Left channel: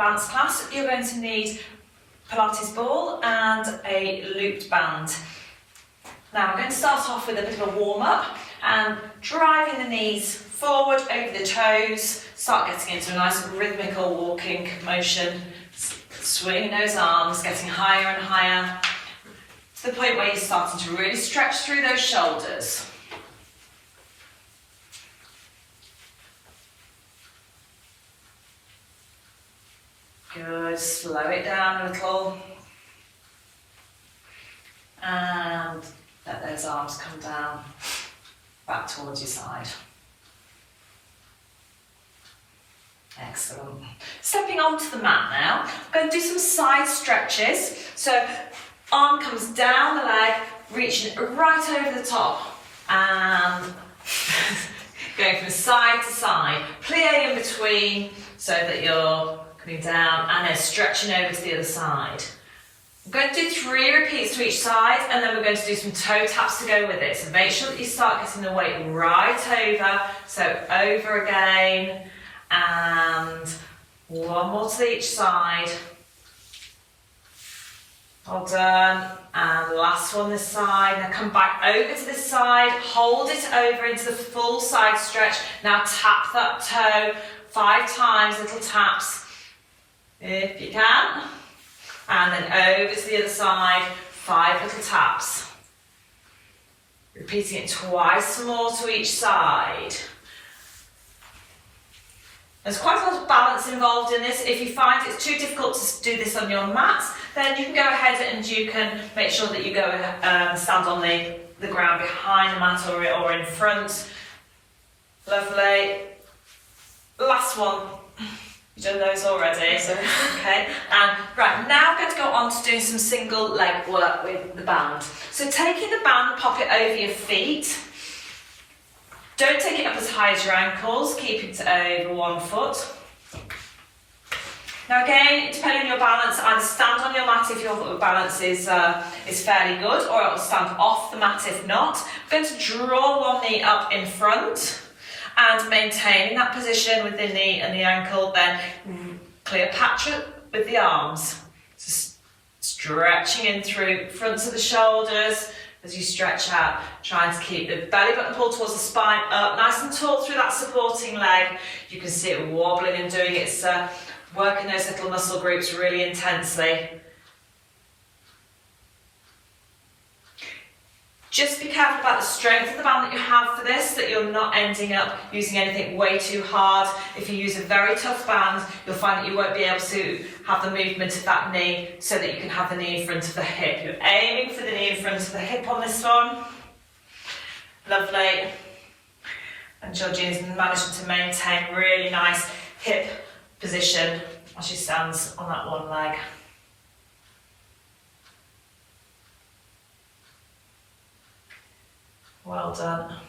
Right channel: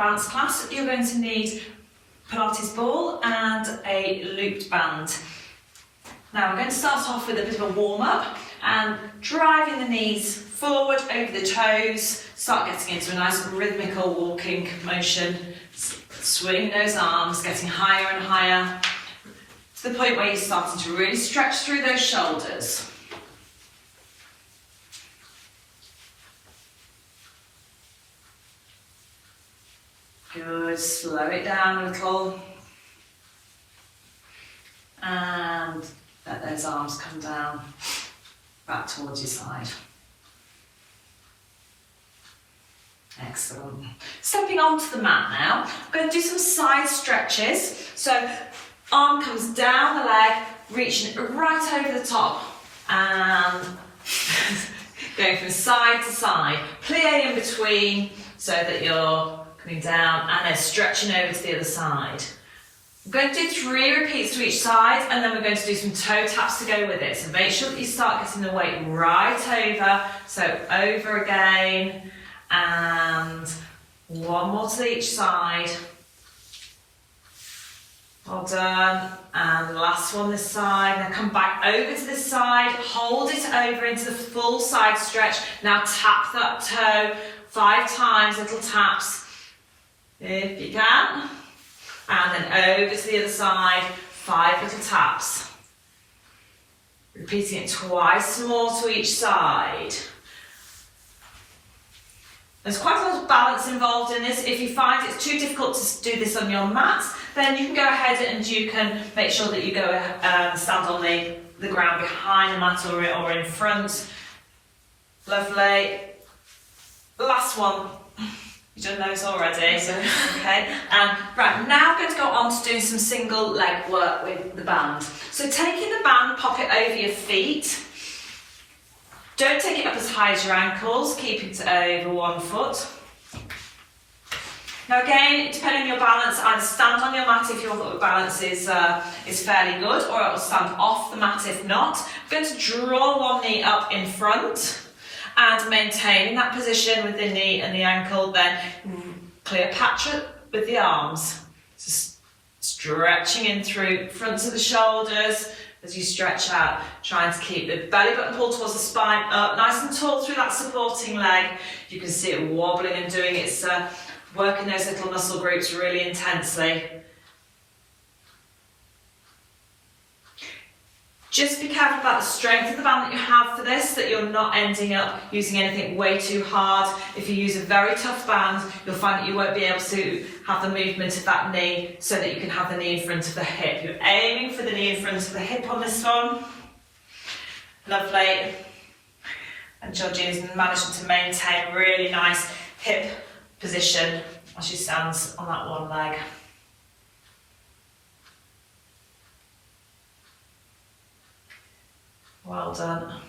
advanced class, you're going to need Pilates ball and a looped band. Now we're going to start off with a bit of a warm-up and driving the knees forward over the toes, start getting into a nice rhythmical walking motion, swinging those arms, getting higher and higher, to the point where you're starting to really stretch through those shoulders. Good, slow it down a little. And let those arms come down, back towards your side. Excellent. Stepping onto the mat now, I'm going to do some side stretches. So arm comes down the leg, reaching right over the top and going from side to side, plie in between so that you're coming down and then stretching over to the other side. I'm going to do 3 repeats to each side and then we're going to do some toe taps to go with it. So make sure that you start getting the weight right over. So over again and one more to each side. Well done. And last one this side. Now come back over to this side, hold it over into the full side stretch. Now tap that toe 5 times, little taps if you can. And then over to the other side, 5 little taps. Repeating it twice more to each side. There's quite a lot of balance involved in this. If you find it's too difficult to do this on your mat, then you can go ahead and you can make sure that you go stand on the ground behind the mat or in front. Lovely. Last one. You've done those already, so okay. Right, now I'm going to go on to doing some single leg work with the band. So taking the band, pop it over your feet. Don't take it up as high as your ankles, keep it over 1 foot. Now again, depending on your balance, either stand on your mat if your balance is fairly good, or it will stand off the mat if not. I'm going to draw one knee up in front and maintaining that position with the knee and the ankle, then Cleopatra with the arms. So stretching in through fronts of the shoulders as you stretch out, trying to keep the belly button pulled towards the spine, up nice and tall through that supporting leg. You can see it wobbling and doing its working those little muscle groups really intensely. Just be careful about the strength of the band that you have for this, that you're not ending up using anything way too hard. If you use a very tough band, you'll find that you won't be able to have the movement of that knee so that you can have the knee in front of the hip. You're aiming for the knee in front of the hip on this one. Lovely. And Georgie is managing to maintain really nice hip position as she stands on that one leg. Well done.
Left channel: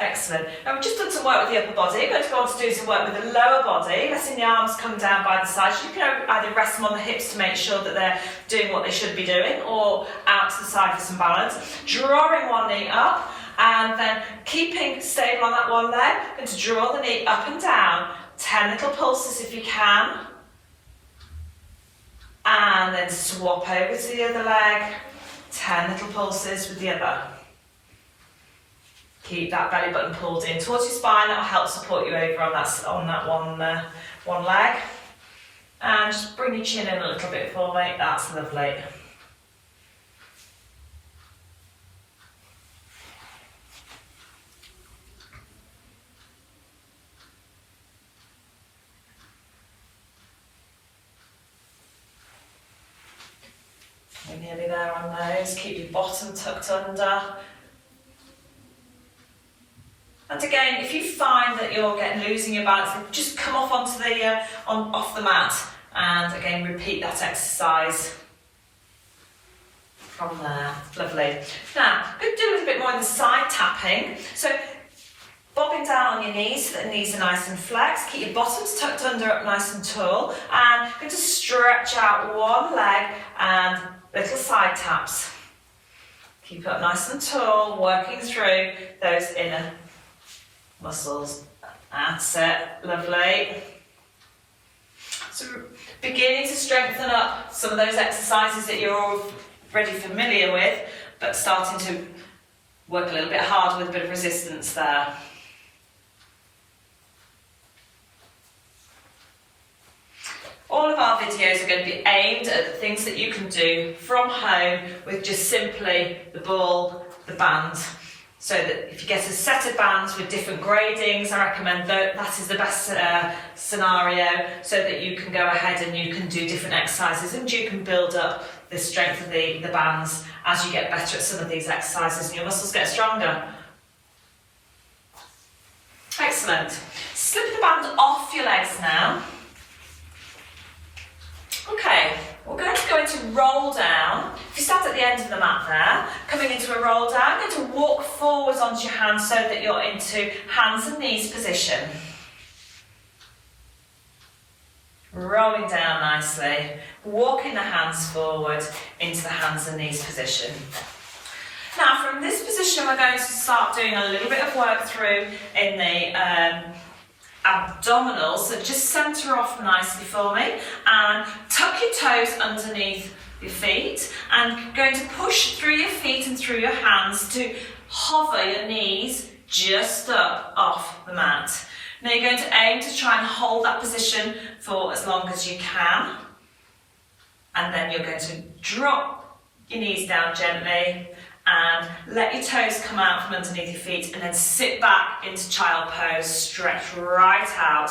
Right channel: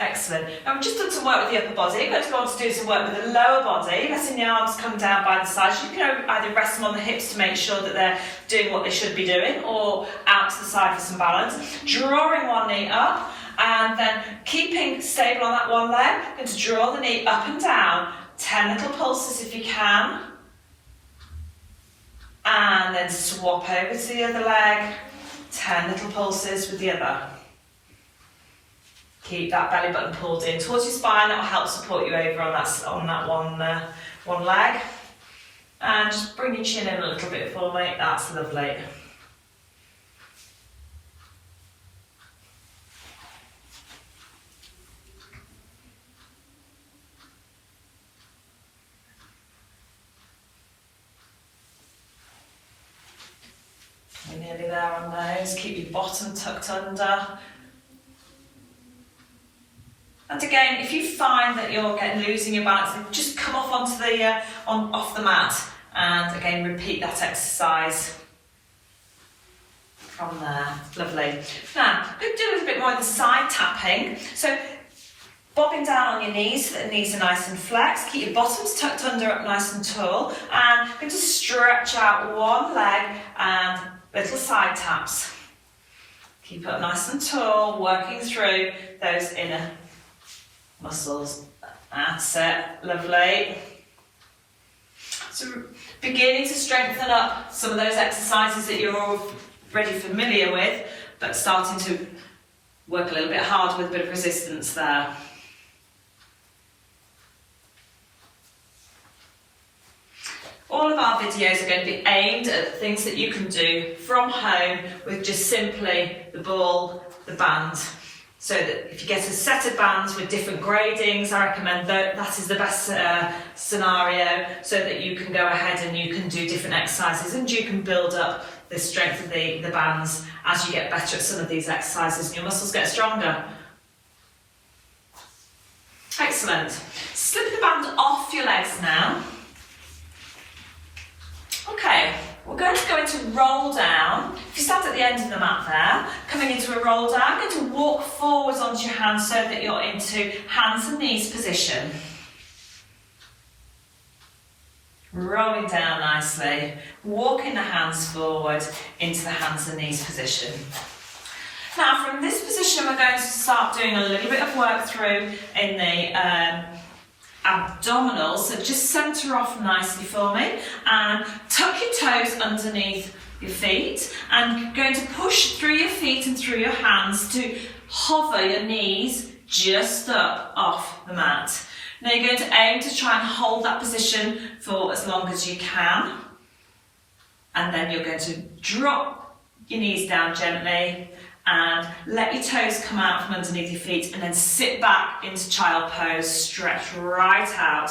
Excellent. Now we've just done some work with the upper body. We're going to go on to do some work with the lower body, letting the arms come down by the sides. You can either rest them on the hips to make sure that they're doing what they should be doing, or out to the side for some balance. Drawing one knee up and then keeping stable on that one leg. Going to draw the knee up and down. 10 little pulses if you can. And then swap over to the other leg. 10 little pulses with the other. Keep that belly button pulled in towards your spine. That will help support you over on that one leg. And just bring your chin in a little bit for me. That's lovely. We're nearly there on those. Keep your bottom tucked under. And again, if you find that you're losing your balance, then just come off onto the off the mat, and again repeat that exercise from there. Lovely. Now, I'm going to do a little bit more of the side tapping. So, bobbing down on your knees so that the knees are nice and flexed. Keep your bottoms tucked under, up nice and tall, and I'm going to stretch out one leg and little side taps. Keep it up nice and tall, working through those inner muscles. That's it, lovely. So beginning to strengthen up some of those exercises that you're already familiar with, but starting to work a little bit harder with a bit of resistance there. All of our videos are going to be aimed at things that you can do from home with just simply the ball, the band. So that if you get a set of bands with different gradings, I recommend that is the best scenario, so that you can go ahead and you can do different exercises and you can build up the strength of the bands as you get better at some of these exercises and your muscles get stronger. Excellent. Slip the band off your legs now. Okay, we're going to go into roll down. If you stand at the end of the mat there, coming into a roll down, you're going to walk forwards onto your hands so that you're into hands and knees position. Rolling down nicely, walking the hands forward into the hands and knees position. Now from this position we're going to start doing a little bit of work through in the abdominals, so just centre off nicely for me and tuck your toes underneath your feet and you're going to push through your feet and through your hands to hover your knees just up off the mat. Now you're going to aim to try and hold that position for as long as you can, and then you're going to drop your knees down gently and let your toes come out from underneath your feet and then sit back into child pose, stretch right out.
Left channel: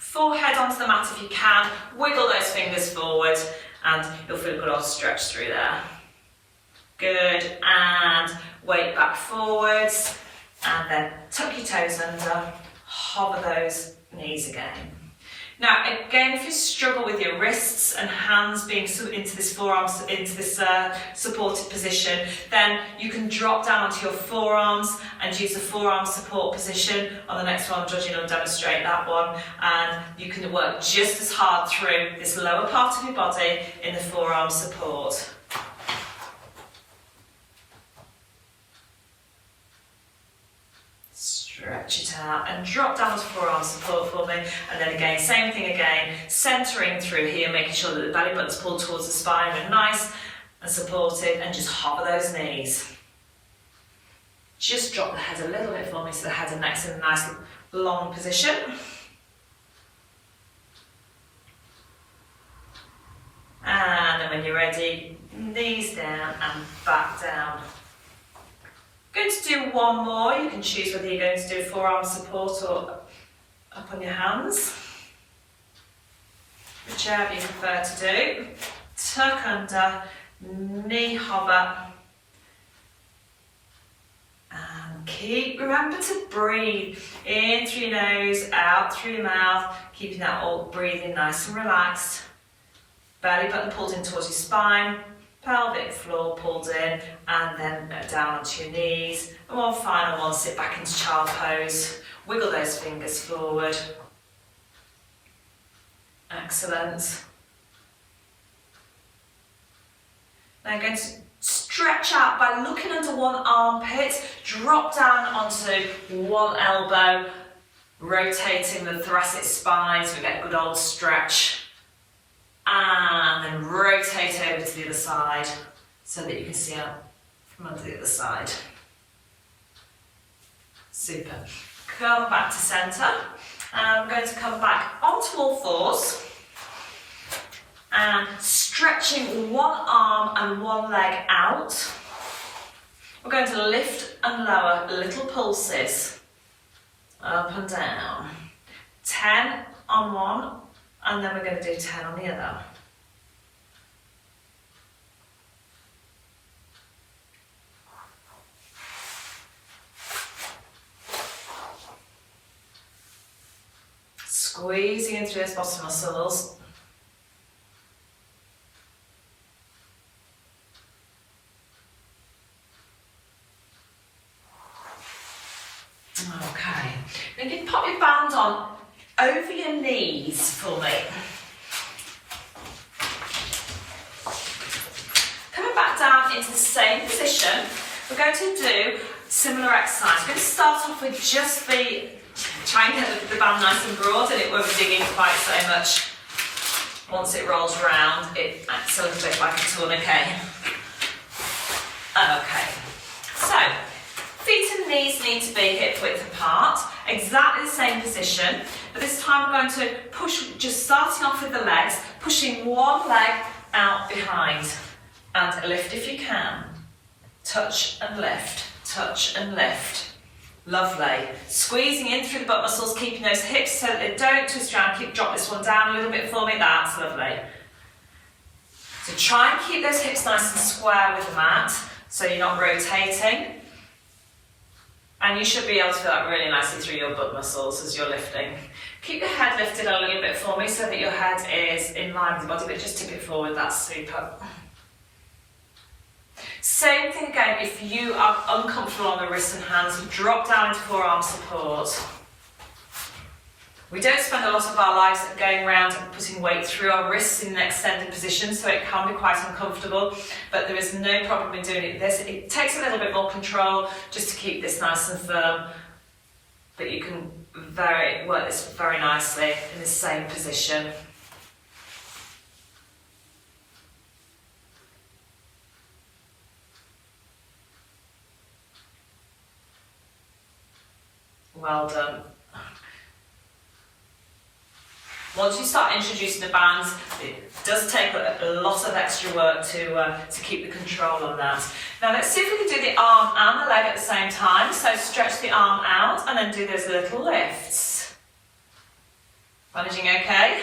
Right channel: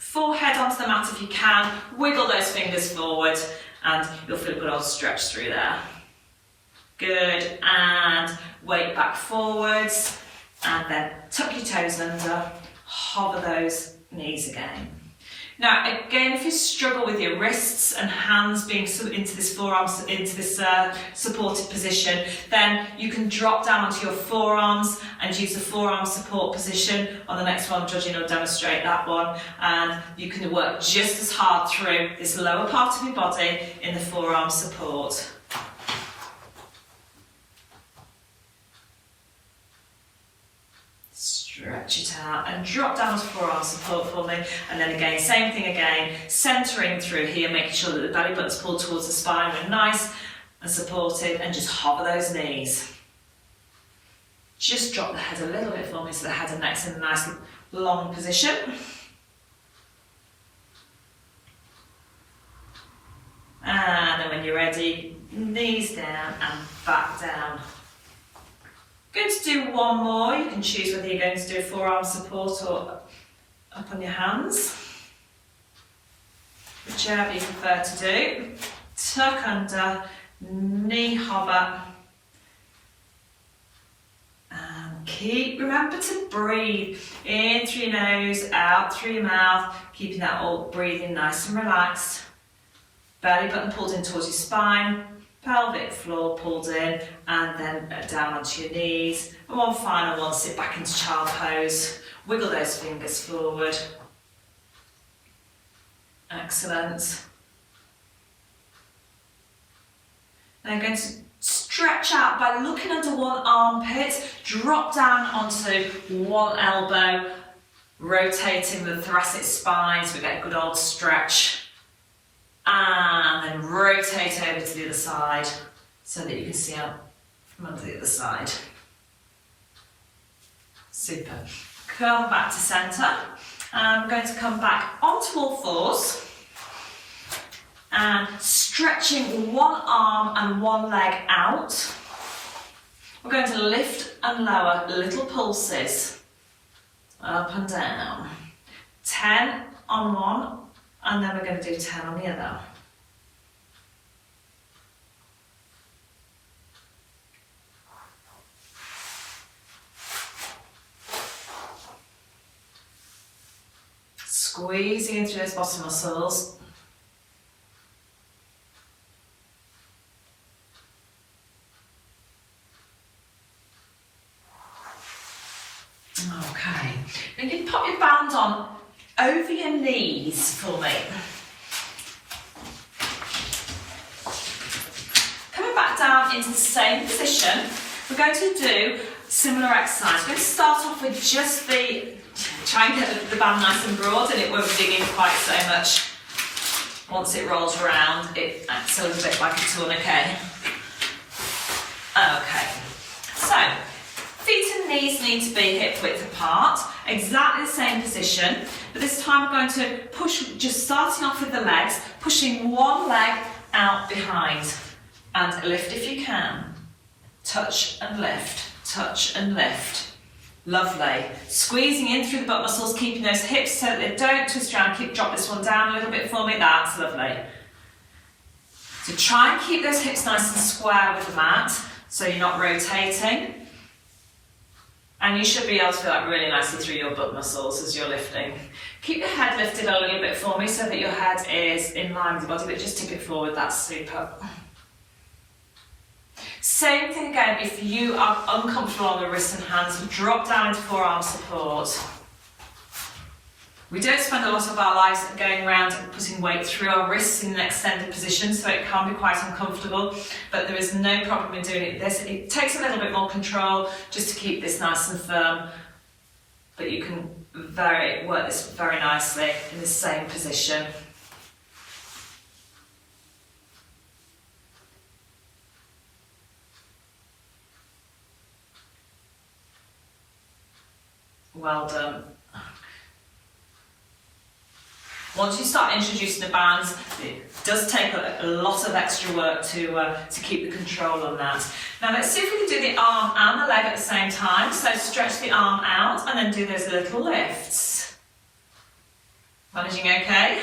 Forehead onto the mat if you can, wiggle those fingers forward and you'll feel a good old stretch through there. Good, and weight back forwards and then tuck your toes under, hover those knees again. Now again, if you struggle with your wrists and hands being into this forearms, into this supported position, then you can drop down onto your forearms and use the forearm support position. On the next one, Georgina will demonstrate that one, and you can work just as hard through this lower part of your body in the forearm support. Stretch it out and drop down to forearm support for me, and then again, same thing again, centering through here, making sure that the belly button's pulled towards the spine and nice and supported, and just hover those knees. Just drop the head a little bit for me so the head and neck's in a nice long position. And then when you're ready, knees down and back down. Going to do one more. You can choose whether you're going to do forearm support or up on your hands, whichever you prefer to do. Tuck under, knee hover, and remember to breathe in through your nose, out through your mouth, keeping that all breathing nice and relaxed. Belly button pulled in towards your spine, pelvic floor pulled in, and then down onto your knees. And one final one, sit back into child pose. Wiggle those fingers forward. Excellent. Now I'm going to stretch out by looking under one armpit, drop down onto one elbow, rotating the thoracic spine so we get a good old stretch. And then rotate over to the other side so that you can see out from under the other side. Super. Curl back to centre. And I'm going to come back onto all fours and stretching one arm and one leg out. We're going to lift and lower little pulses up and down. 10 on one, and then we're going to do 10 on the other. Squeezing into those bottom muscles. Okay, then you pop your band on over your knees for me. Coming back down into the same position, we're going to do similar exercise. We're going to start off with just try and get the band nice and broad and it won't dig in quite so much Once it rolls around, it acts a little bit like a tourniquet. Okay, so feet and knees need to be hip width apart, exactly the same position, but this time we're going to push, just starting off with the legs, pushing one leg out behind, and lift if you can. Touch and lift, touch and lift. Lovely. Squeezing in through the butt muscles, keeping those hips so that they don't twist around. Drop this one down a little bit for me, that's lovely. So try and keep those hips nice and square with the mat, so you're not rotating. And you should be able to feel that really nicely through your butt muscles as you're lifting. Keep the head lifted a little bit for me so that your head is in line with the body, but just tip it forward, that's super. Same thing again, if you are uncomfortable on the wrists and hands, drop down into forearm support. We don't spend a lot of our lives going around and putting weight through our wrists in an extended position, so it can be quite uncomfortable, but there is no problem in doing it. It takes a little bit more control just to keep this nice and firm, but you can work this very nicely in the same position. Well done. Once you start introducing the bands, it does take a lot of extra work to keep the control on that. Now let's see if we can do the arm and the leg at the same time. So stretch the arm out and then do those little lifts. Managing okay?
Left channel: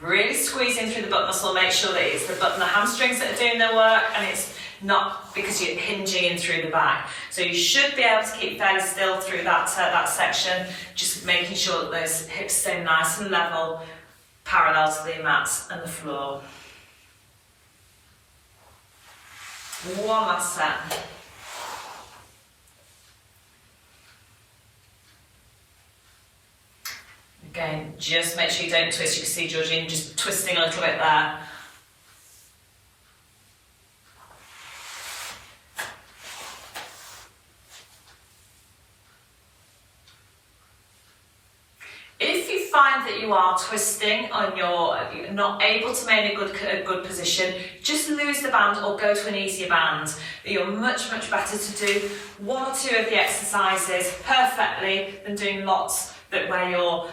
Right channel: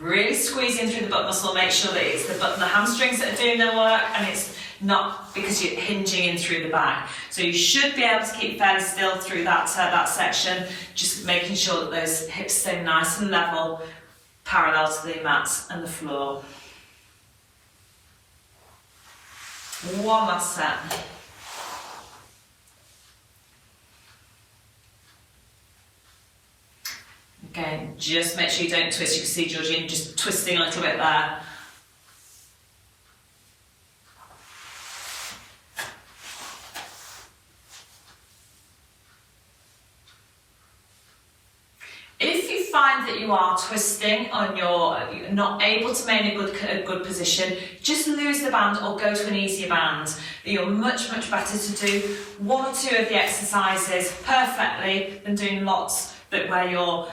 Really squeeze in through the butt muscle, make sure that it's the butt and the hamstrings that are doing the work, and it's not because you're hinging in through the back. So you should be able to keep fairly still through that section, just making sure that those hips stay nice and level, parallel to the mat and the floor. One last set. Again, just make sure you don't twist. You can see Georgine just twisting a little bit there. If you find that you are twisting and you're not able to maintain a good position, just lose the band or go to an easier band. You're much better to do one or two of the exercises perfectly than doing lots where you're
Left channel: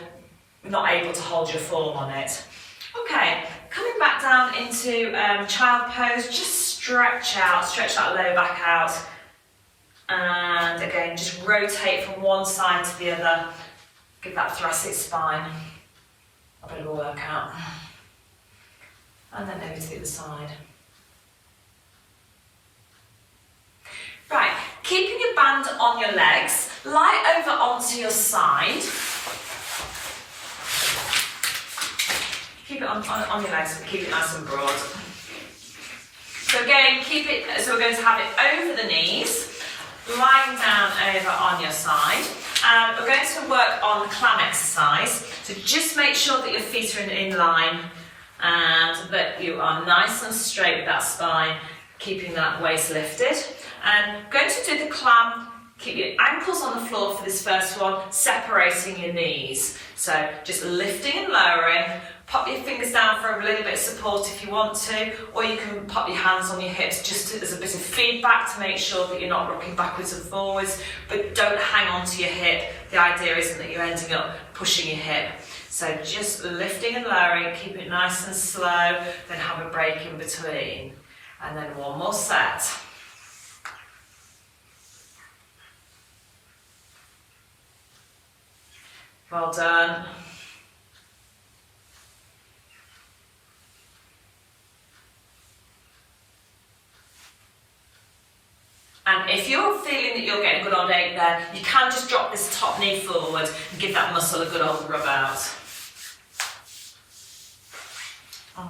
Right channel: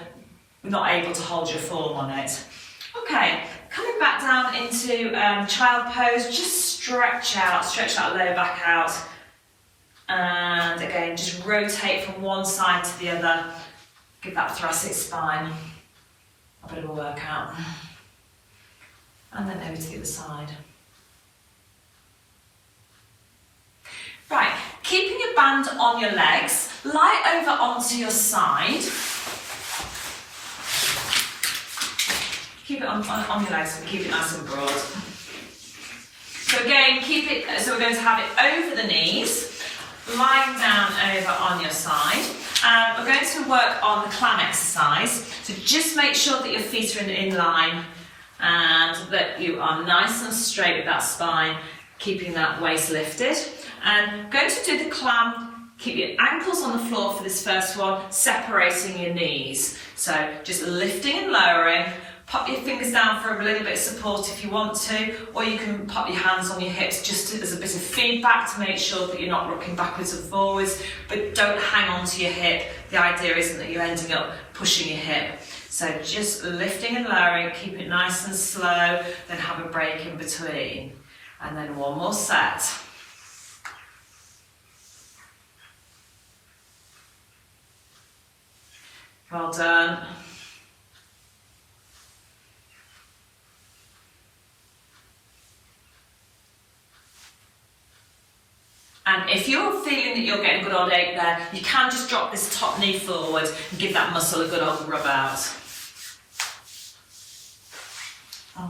not able to hold your form on it. Okay, coming back down into child pose, just stretch that lower back out, and again just rotate from one side to the other. Give that thoracic spine a bit of a workout. And then over to the other side. Right, keeping your band on your legs, lie over onto your side. Keep it on your legs, keep it nice and broad. So again, so we're going to have it over the knees, lying down over on your side. And we're going to work on the clam exercise. So just make sure that your feet are in line and that you are nice and straight with that spine, keeping that waist lifted. And going to do the clam, keep your ankles on the floor for this first one, separating your knees. So just lifting and lowering. Pop your fingers down for a little bit of support if you want to, or you can pop your hands on your hips just as a bit of feedback to make sure that you're not rocking backwards and forwards, but don't hang on to your hip. The idea isn't that you're ending up pushing your hip. So just lifting and lowering, keep it nice and slow, then have a break in between. And then one more set. Well done. And if you're feeling that you're getting good old ache there, you can just drop this top knee forward and give that muscle a good old rub out.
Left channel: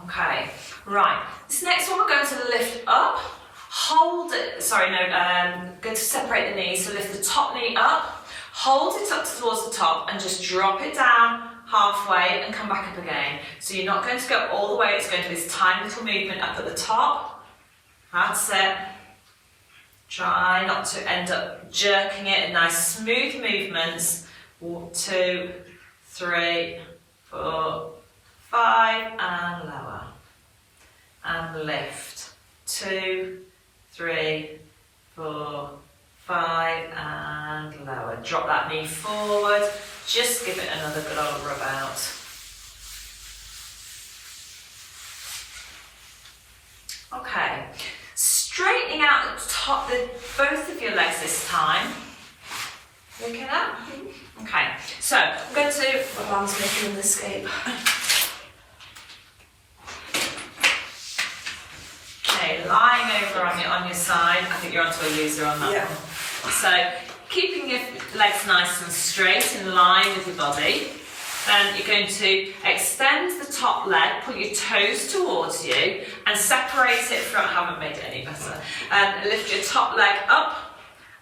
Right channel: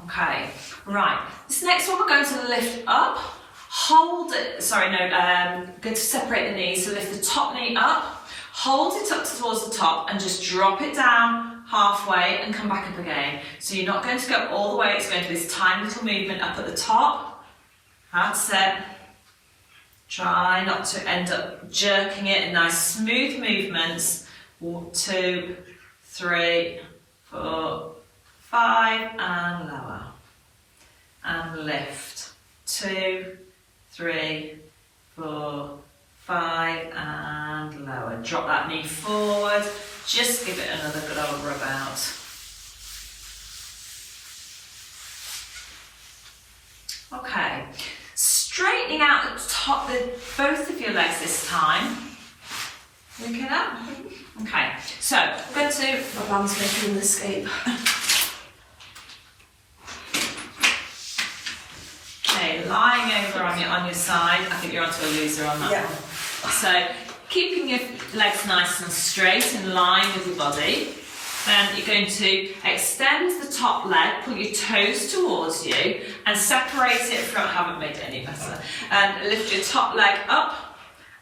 Okay, right. This next one we're going to lift up, hold it, going to separate the knees, so lift the top knee up, hold it up towards the top and just drop it down halfway and come back up again. So you're not going to go all the way, it's going to be this tiny little movement up at the top. That's it. Try not to end up jerking it in nice smooth movements 2, 3, 4, 5, and lower. And lift. 2, 3, 4, 5, and lower. Drop that knee forward. Just give it another good old rub out. Okay. Straightening out the top, both of your legs this time. Okay now? Okay, so I'm going to... My arm's making an escape. Okay, lying over on your side. I think you're onto a loser on that one. So, keeping your legs nice and straight in line with your body. Then you're going to extend the top leg, pull your toes towards you, and separate it from... I haven't made it any better. And lift your top leg up,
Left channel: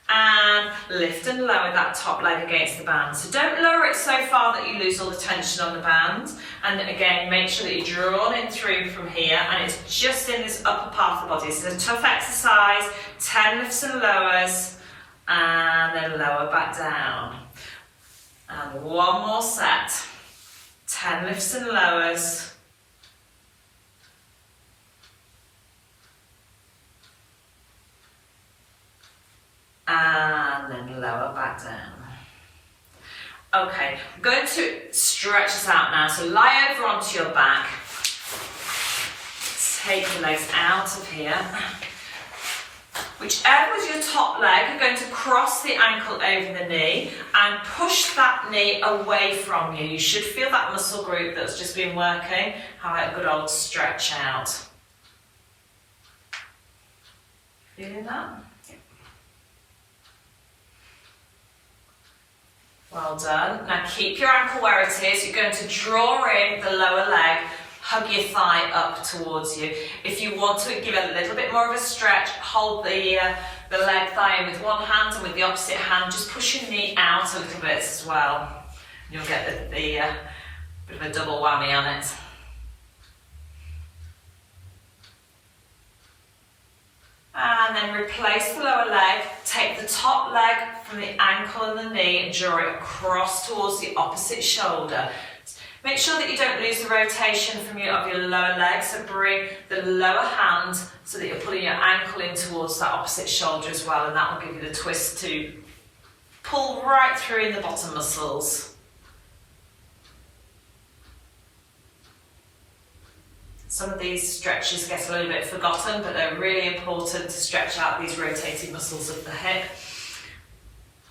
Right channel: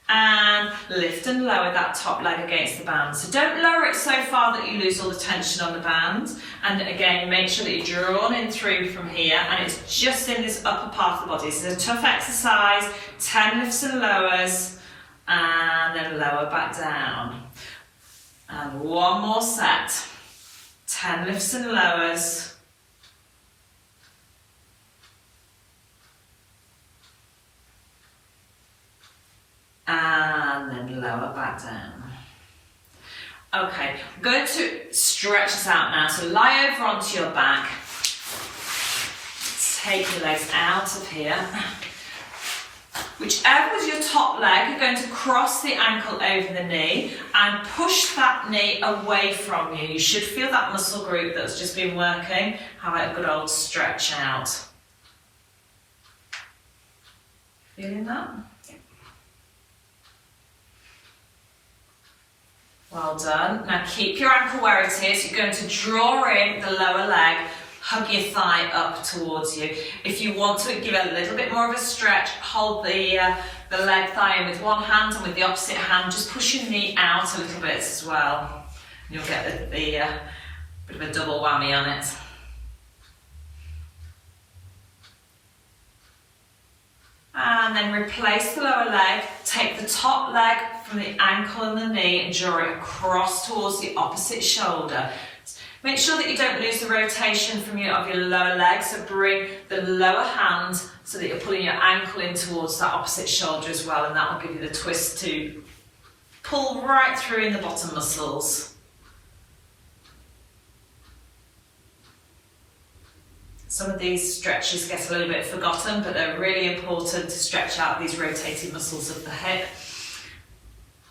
and lift and lower that top leg against the band. So don't lower it so far that you lose all the tension on the band. And again, make sure that you're drawn in through from here, and it's just in this upper part of the body. This is a tough exercise, 10 lifts and lowers, and then lower back down. And one more set, 10 lifts and lowers. And then lower back down. Okay, I'm going to stretch this out now. So lie over onto your back. Take your legs out of here. Whichever is your top leg, you're going to cross the ankle over the knee and push that knee away from you. You should feel that muscle group that's just been working. Have a good old stretch out. Feeling that? Well done. Now keep your ankle where it is. You're going to draw in the lower leg, hug your thigh up towards you. If you want to give it a little bit more of a stretch, hold the leg thigh in with one hand, and with the opposite hand, just push your knee out a little bit as well. And you'll get the bit of a double whammy on it. And then replace the lower leg, take the top leg from the ankle and the knee and draw it across towards the opposite shoulder. Make sure that you don't lose the rotation of your lower leg, so bring the lower hand so that you're pulling your ankle in towards that opposite shoulder as well, and that will give you the twist to pull right through in the bottom muscles. Some of these stretches get a little bit forgotten, but they're really important to stretch out these rotating muscles of the hip.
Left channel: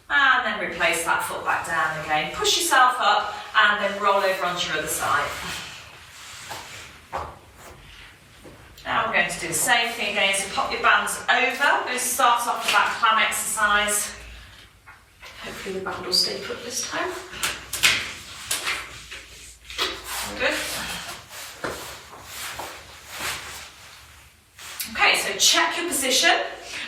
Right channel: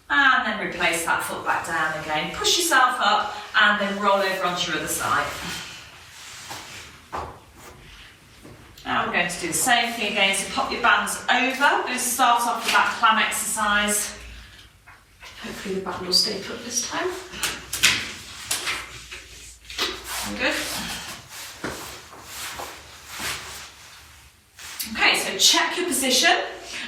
And then replace that foot back down again. Push yourself up and then roll over onto your other side. Now we're going to do the same thing again. So pop your bands over. We'll start off with that clam exercise. Hopefully the band will stay put this time. Good. Okay, so check your position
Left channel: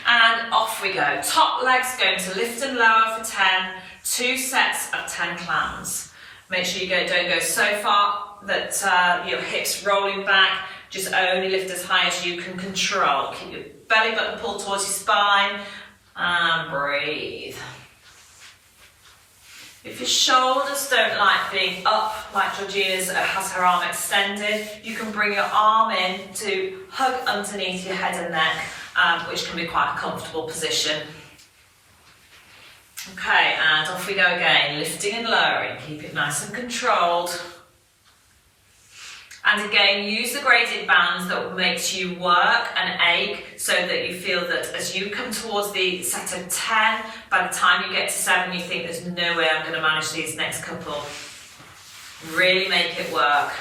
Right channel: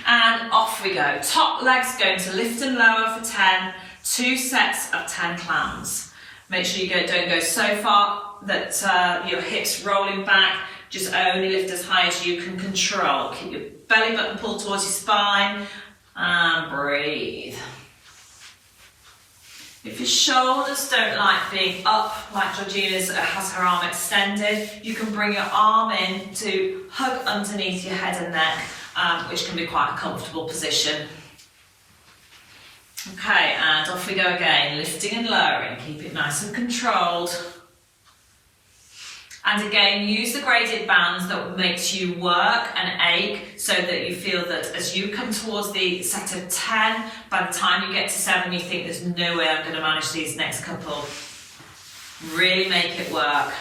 and off we go. Top leg's going to lift and lower for 10, 2 sets of 10 clams. Make sure you don't go so far that your hips rolling back, just only lift as high as you can control. Keep your belly button pulled towards your spine and breathe. If your shoulders don't like being up, like Georgina's has her arm extended, you can bring your arm in to hug underneath your head and neck, which can be quite a comfortable position. Okay, and off we go again, lifting and lowering, keep it nice and controlled. And again, use the graded bands that makes you work and ache so that you feel that as you come towards the set of 10, by the time you get to 7, you think there's no way I'm going to manage these next couple. Really make it work.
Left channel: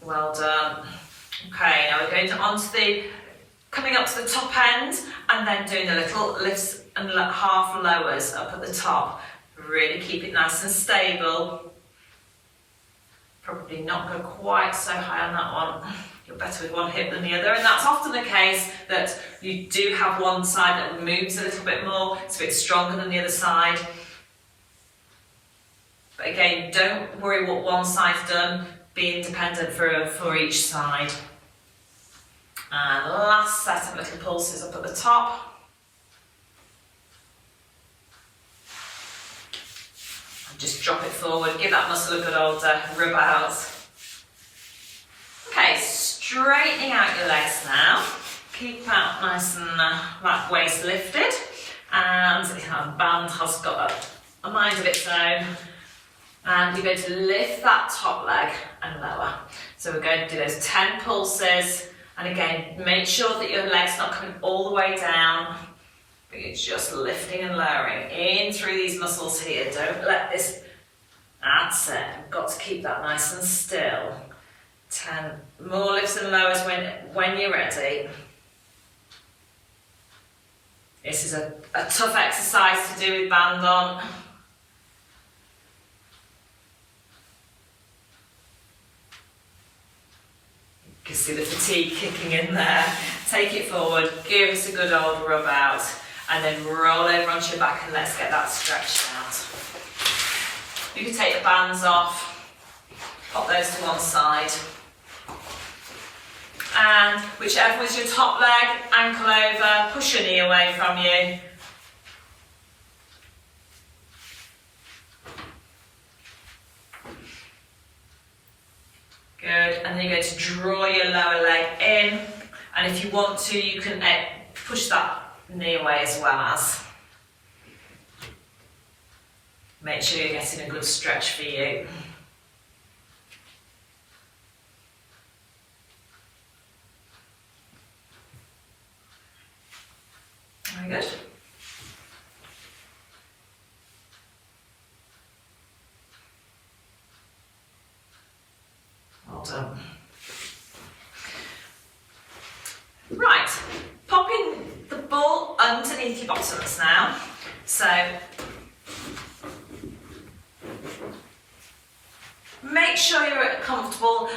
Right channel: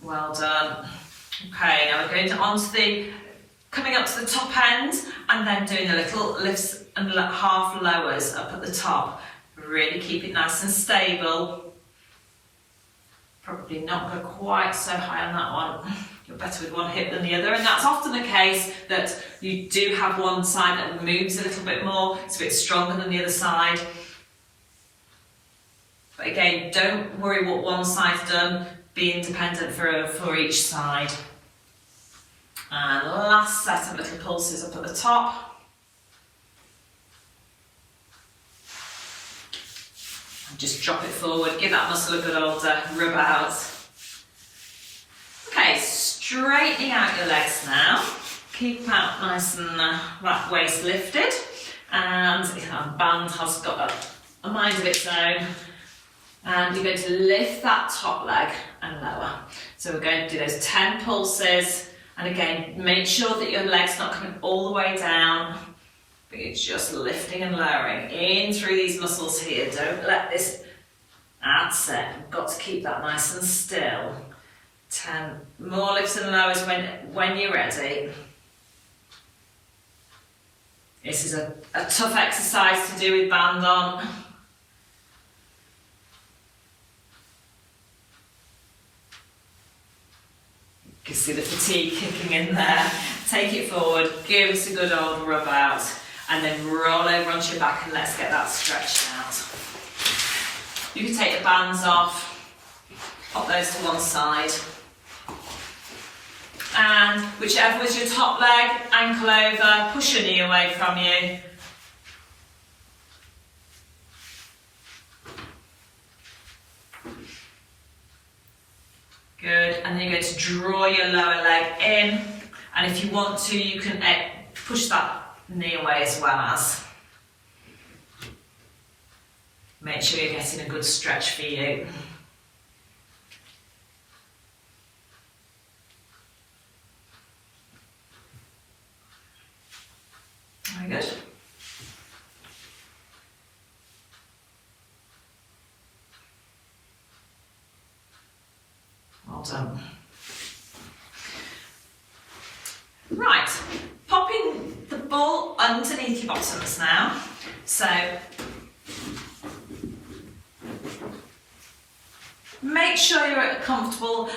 Well done. Okay, now we're going coming up to the top end and then doing the little lifts and half lowers up at the top. Really keep it nice and stable. Probably not go quite so high on that one. You're better with one hip than the other, and that's often the case that you do have one side that moves a little bit more, it's a bit stronger than the other side. But again, don't worry what one side's done, be independent for each side. And last set of little pulses up at the top. Just drop it forward, give that muscle a good old rub out. Okay, straightening out your legs now. Keep out nice and that waist lifted, and the band has got a mind of its own. And you're going to lift that top leg and lower. So we're going to do those 10 pulses, and again, make sure that your leg's not coming all the way down, but you're just lifting and lowering in through these muscles here. Don't let this, that's it, you've got to keep that nice and still. 10 more lifts and lowers when you're ready. This is a tough exercise to do with band on. You can see the fatigue kicking in there. Take it forward, give us a good old rub out, and then roll over onto your back and let's get that stretched out. You can take the bands off, pop those to one side. And whichever was your top leg, ankle over, push your knee away from you. Good, and then you're going to draw your lower leg in, and if you want to, you can push that knee away as well as. Make sure you're getting a good stretch for you. Very good. Well done. Right, popping the ball underneath your bottoms now. So make sure you're comfortable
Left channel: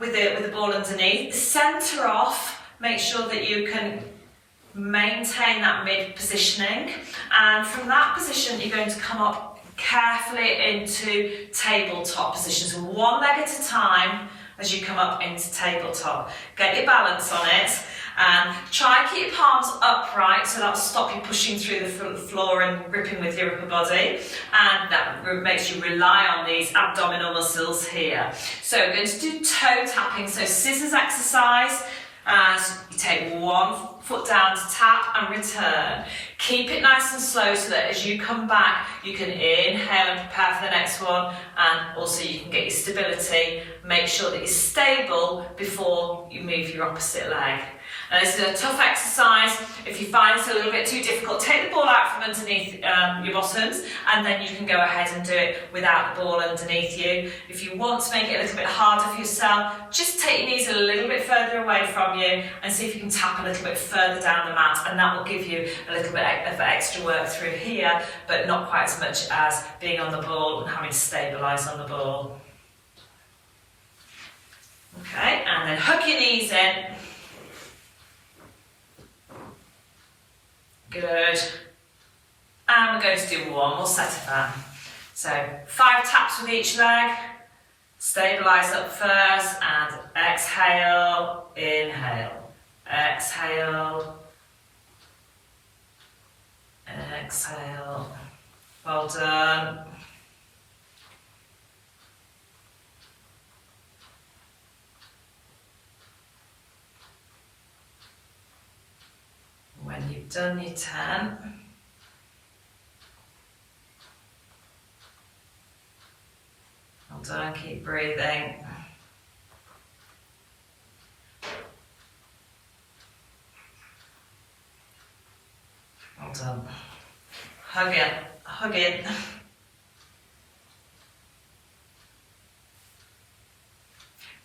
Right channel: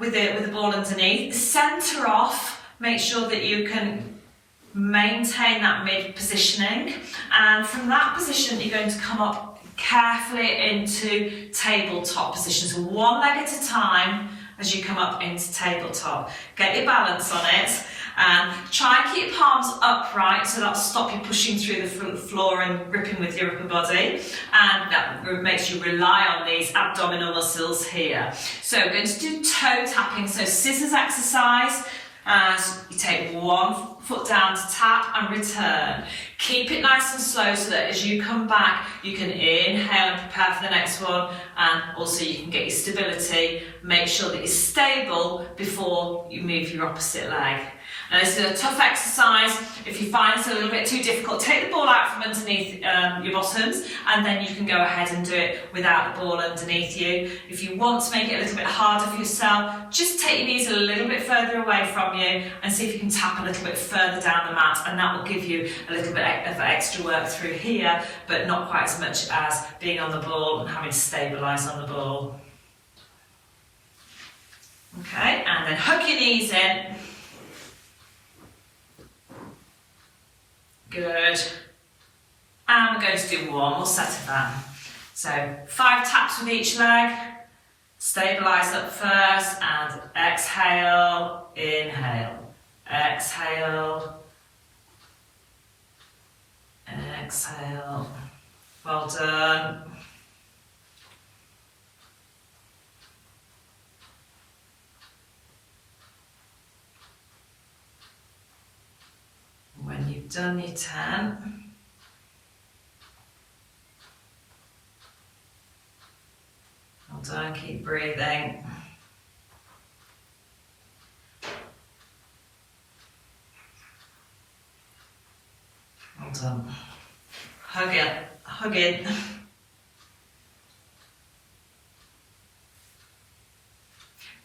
with the ball underneath. Centre off. Make sure that you can maintain that mid positioning, and from that position you're going to come up carefully into tabletop positions, one leg at a time as you come up into tabletop. Get your balance on it, and try and keep your palms upright so that'll stop you pushing through the floor and gripping with your upper body, and that makes you rely on these abdominal muscles here. So we're going to do toe tapping, so scissors exercise. As you take one foot down to tap and return. Keep it nice and slow so that as you come back, you can inhale and prepare for the next one, and also you can get your stability. Make sure that you're stable before you move your opposite leg. Now this is a tough exercise. If you find it's a little bit too difficult, take the ball out from underneath your bottoms, and then you can go ahead and do it without the ball underneath you. If you want to make it a little bit harder for yourself, just take your knees a little bit further away from you and see if you can tap a little bit further down the mat, and that will give you a little bit of extra work through here, but not quite as much as being on the ball and having to stabilise on the ball. Okay, and then hug your knees in. Good. And we're going to do one more set of that. So 5 taps with each leg. Stabilise up first and exhale, inhale, exhale, exhale. Well done. When you've done your 10, well done, keep breathing. Well done. Hug it, hug it.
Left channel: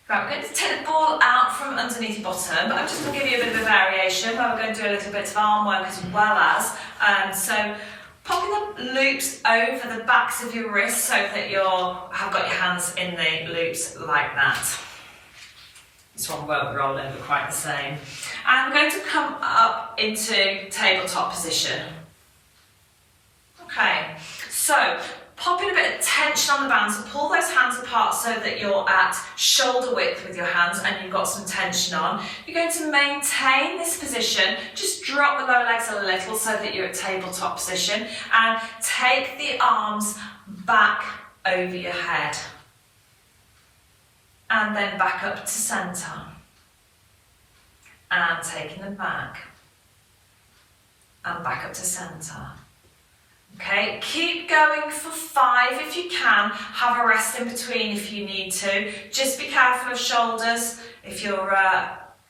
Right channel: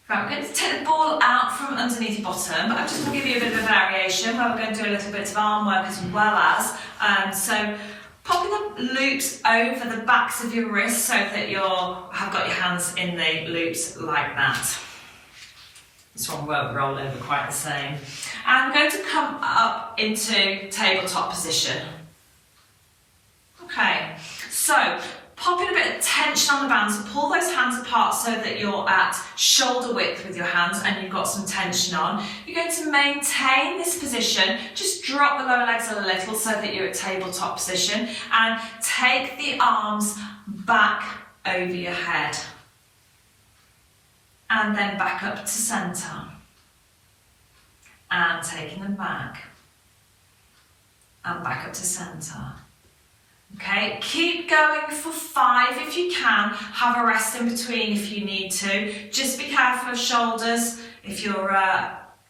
Right, we're going to take the ball out from underneath your bottom. I'm just going to give you a bit of a variation where we're going to do a little bit of arm work as well as. So popping the loops over the backs of your wrists so that you have got your hands in the loops like that. This one won't roll over quite the same. And we're going to come up into tabletop position. Okay, so pop in a bit of tension on the bands, pull those hands apart so that you're at shoulder width with your hands and you've got some tension on. You're going to maintain this position, just drop the lower legs a little so that you're at tabletop position, and take the arms back over your head. And then back up to centre. And taking them back. And back up to centre. Okay, keep going for 5 if you can. Have a rest in between if you need to. Just be careful of shoulders. If you're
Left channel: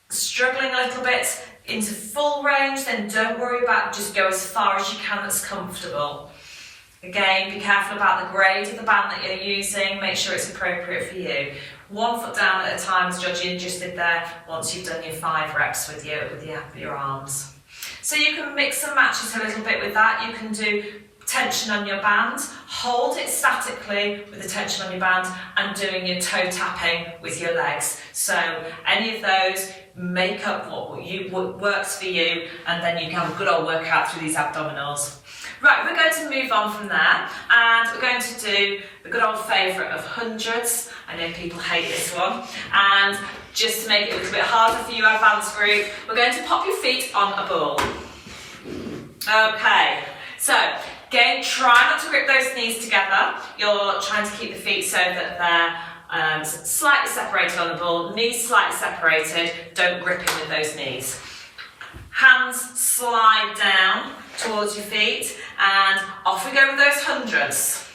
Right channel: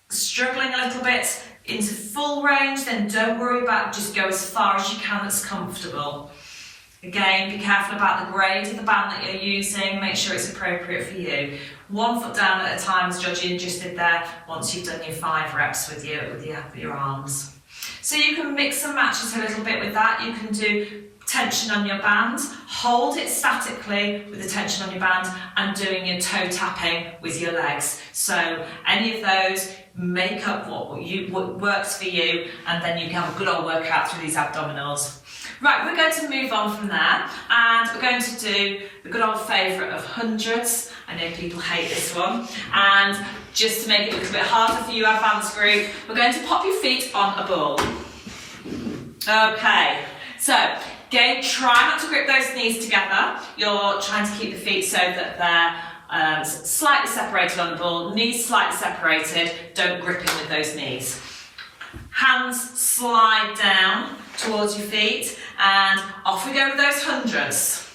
struggling a little bit into full range, then don't worry about it. Just go as far as you can that's comfortable. Again, be careful about the grade of the band that you're using. Make sure it's appropriate for you. 1 foot down at a time, as Georgina just did there, once you've done your 5 reps with your arms. So you can mix and match it a little bit with that. You can do tension on your band, hold it statically with the tension on your band, and doing your toe tapping with your legs. So any of those, make up what works for you, and then you can have a good old workout through these abdominals. Right, we're going to move on from there, and we're going to do the good old favourite of hundreds. I know people hate this one, and just to make it a little bit harder for you, advanced group, we're going to pop your feet on a ball. Okay, so again, try not to grip those knees together. You're trying to keep the feet so that they're slightly separated on the ball, knees slightly separated, don't grip in with those knees. Hands slide down towards your feet, and off we go with those hundreds.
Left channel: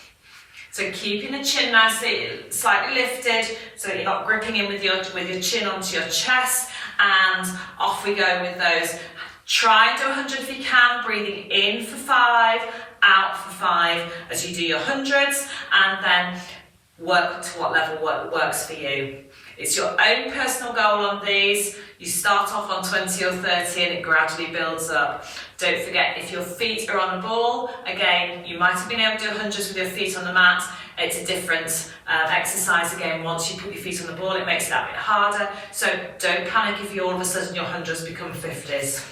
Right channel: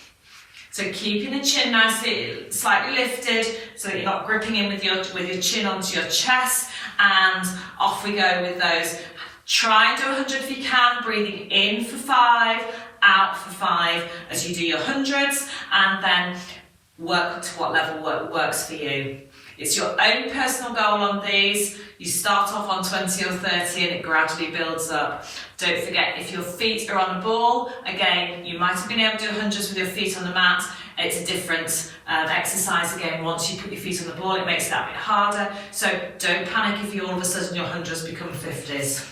So keeping the chin nicely, slightly lifted, so that you're not gripping in with your chin onto your chest, and off we go with those. Try and do 100 if you can, breathing in for 5, out for 5 as you do your hundreds, and then work to what level works for you. It's your own personal goal on these. You start off on 20 or 30 and it gradually builds up. Don't forget, if your feet are on a ball, again, you might have been able to do hundreds with your feet on the mat. It's a different exercise again. Once you put your feet on the ball, it makes it that bit harder. So don't panic if you all of a sudden your hundreds become 50s.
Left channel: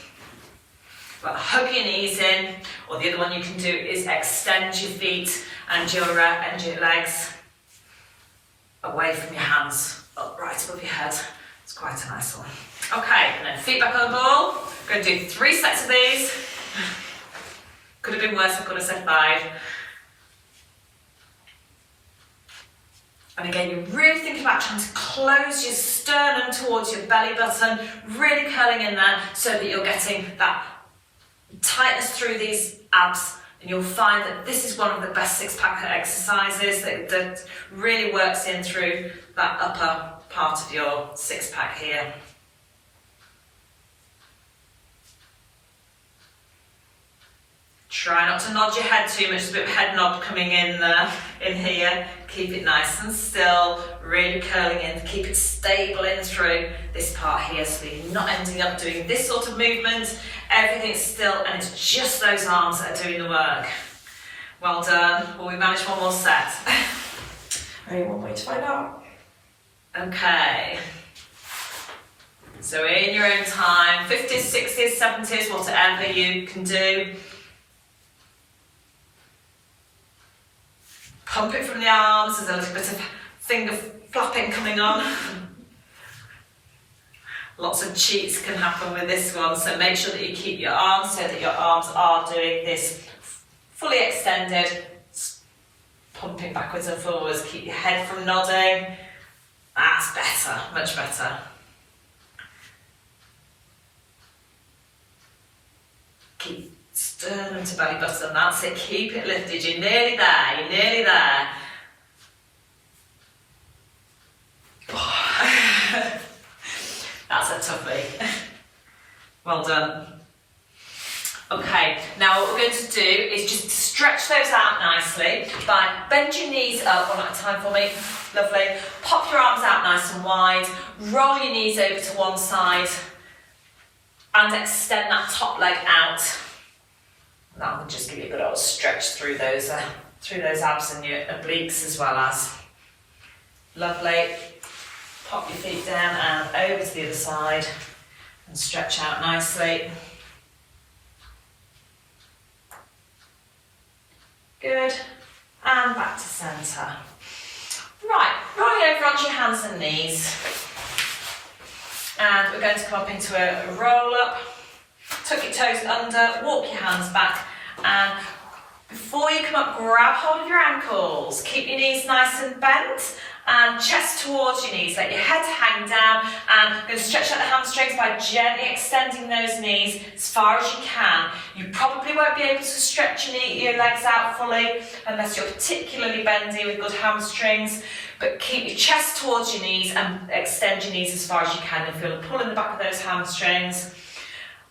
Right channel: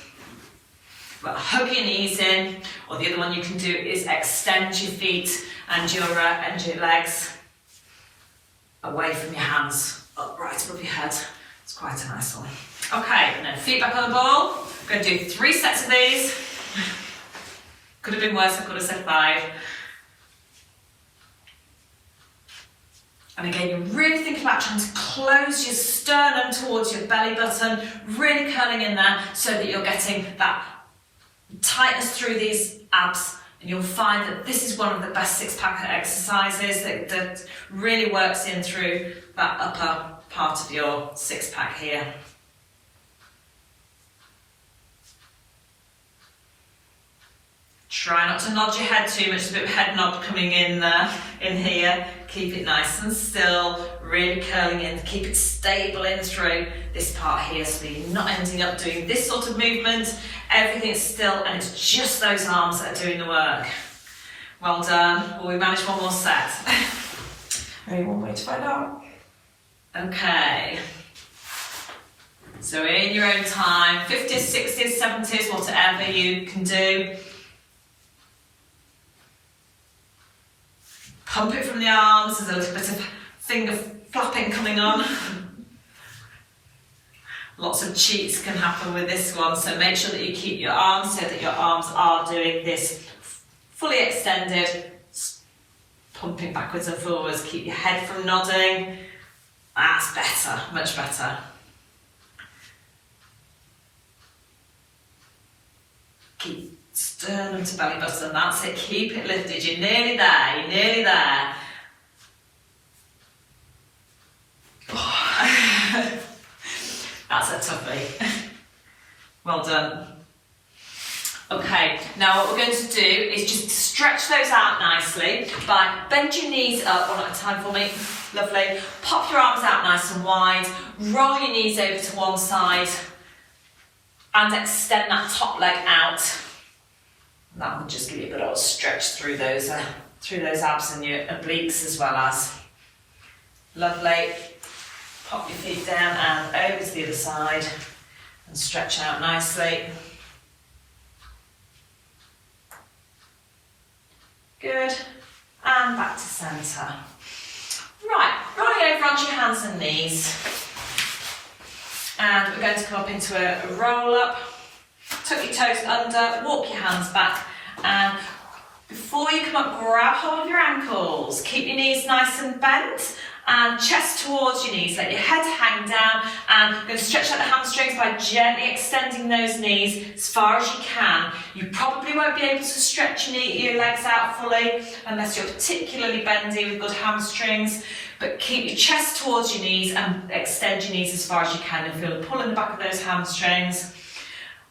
But hug your knees in, or the other one you can do is extend your feet and your legs away from your hands, up right above your head. It's quite a nice one. Okay, and then feet back on the ball. We're going to do 3 sets of these. Could have been worse, I could have said 5. And again, you're really thinking about trying to close your sternum towards your belly button, really curling in there so that you're getting that tightness through these abs, and you'll find that this is one of the best 6-pack exercises that really works in through that upper part of your 6-pack here. Try not to nod your head too much, there's a bit of head nod coming in there, in here. Keep it nice and still, really curling in, keep it stable in through this part here so that you're not ending up doing this sort of movement. Everything's still, and it's just those arms that are doing the work. Well done. Well, we managed one more set. Only one way to find out. Okay. So in your own time, 50s, 60s, 70s, whatever you can do. Pump it from the arms, there's a little bit of finger flapping coming on. Lots of cheats can happen with this one, so make sure that you keep your arms so that your arms are doing this fully extended, pumping backwards and forwards. Keep your head from nodding. That's better, much better. Keep sternum to belly button, that's it, keep it lifted, you're nearly there, you're nearly there. That's a toughie. Well done. Okay, now what we're going to do is just stretch those out nicely by bend your knees up one at a time for me, lovely. Pop your arms out nice and wide, roll your knees over to one side and extend that top leg out. That will just give you a good old stretch through those abs and your obliques as well as. Lovely. Pop your feet down and over to the other side and stretch out nicely. Good. and back to centre. Right, rolling over onto your hands and knees. And we're going to come up into a roll up. Tuck your toes under, walk your hands back, and before you come up, grab hold of your ankles. Keep your knees nice and bent and chest towards your knees. Let your head hang down, and you're going to stretch out the hamstrings by gently extending those knees as far as you can. You probably won't be able to stretch your legs out fully unless you're particularly bendy with good hamstrings, but keep your chest towards your knees and extend your knees as far as you can, and feel the pull in the back of those hamstrings.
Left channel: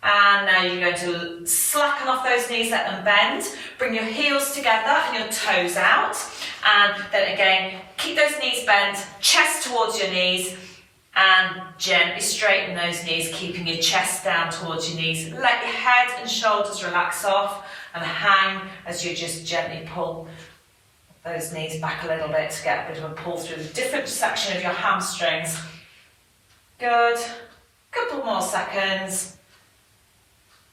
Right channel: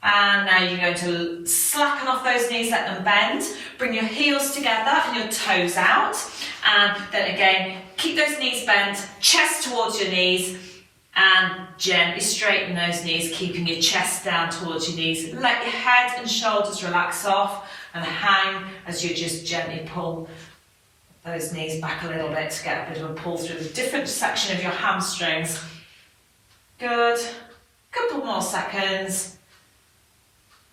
And now you're going to slacken off those knees, let them bend. Bring your heels together and your toes out. And then again, keep those knees bent, chest towards your knees, and gently straighten those knees, keeping your chest down towards your knees. Let your head and shoulders relax off and hang as you just gently pull those knees back a little bit to get a bit of a pull through the different section of your hamstrings. Good. Couple more seconds.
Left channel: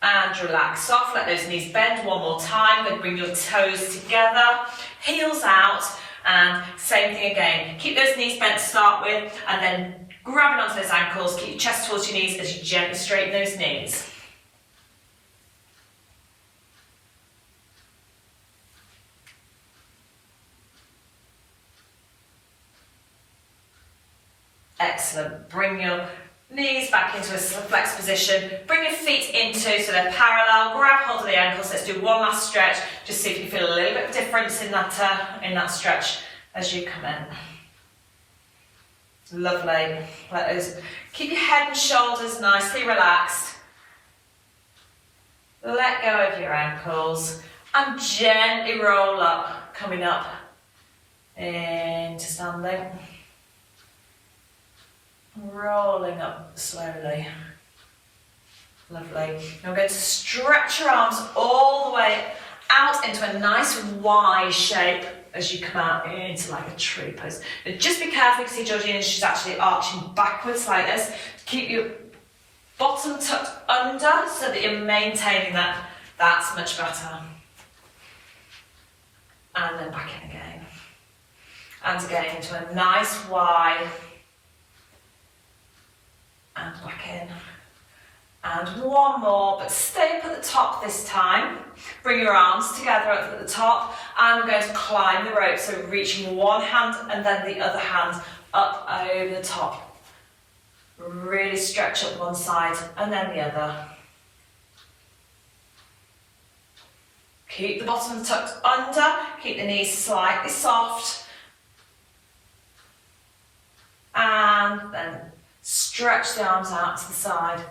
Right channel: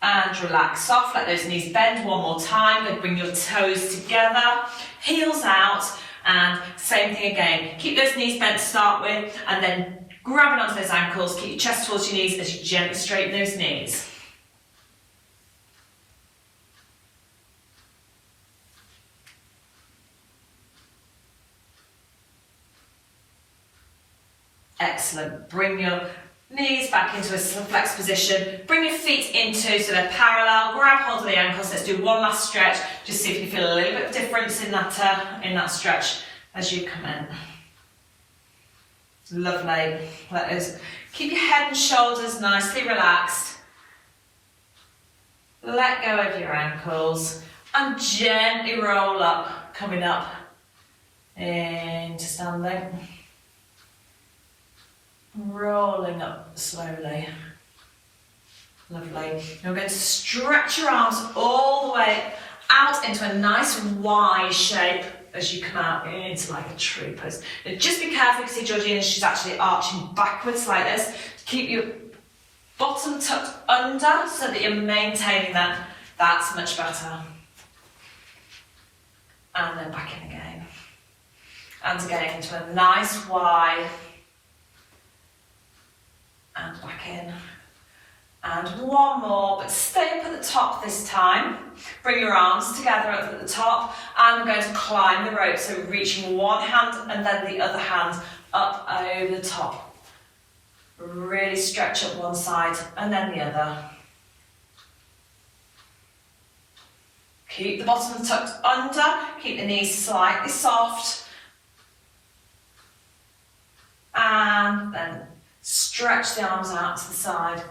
And relax off, let those knees bend one more time. Then bring your toes together, heels out, and same thing again. Keep those knees bent to start with, and then grabbing onto those ankles, keep your chest towards your knees as you gently straighten those knees. Excellent. Bring your knees back into a flexed position. Bring your feet into so they're parallel. Grab hold of the ankles. Let's do one last stretch. Just see if you feel a little bit of difference in that stretch as you come in. Lovely. Keep your head and shoulders nicely relaxed. Let go of your ankles and gently roll up, coming up into standing. Rolling up slowly. Lovely. Now we're going to stretch your arms all the way out into a nice wide shape as you come out into like a tree pose. Now just be careful because Georgina, she's actually arching backwards like this. Keep your bottom tucked under so that you're maintaining that. That's much better. And then back in again. And again into a nice wide. And back in. And one more, but stay up at the top this time. Bring your arms together up at the top, and we're going to climb the rope, so reaching one hand and then the other hand up over the top. Really stretch up one side and then the other. Keep the bottom tucked under, keep the knees slightly soft. And then stretch the arms out to the side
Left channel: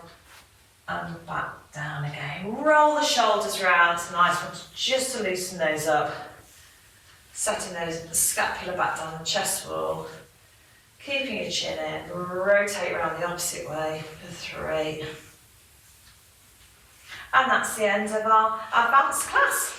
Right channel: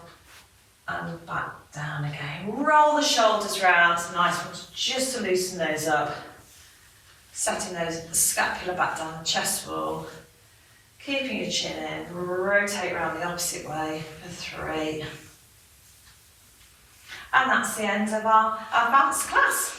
and back down again. Roll the shoulders round, nice ones, just to loosen those up. Setting the scapula back down the chest wall. Keeping your chin in, rotate around the opposite way for 3. And that's the end of our advanced class.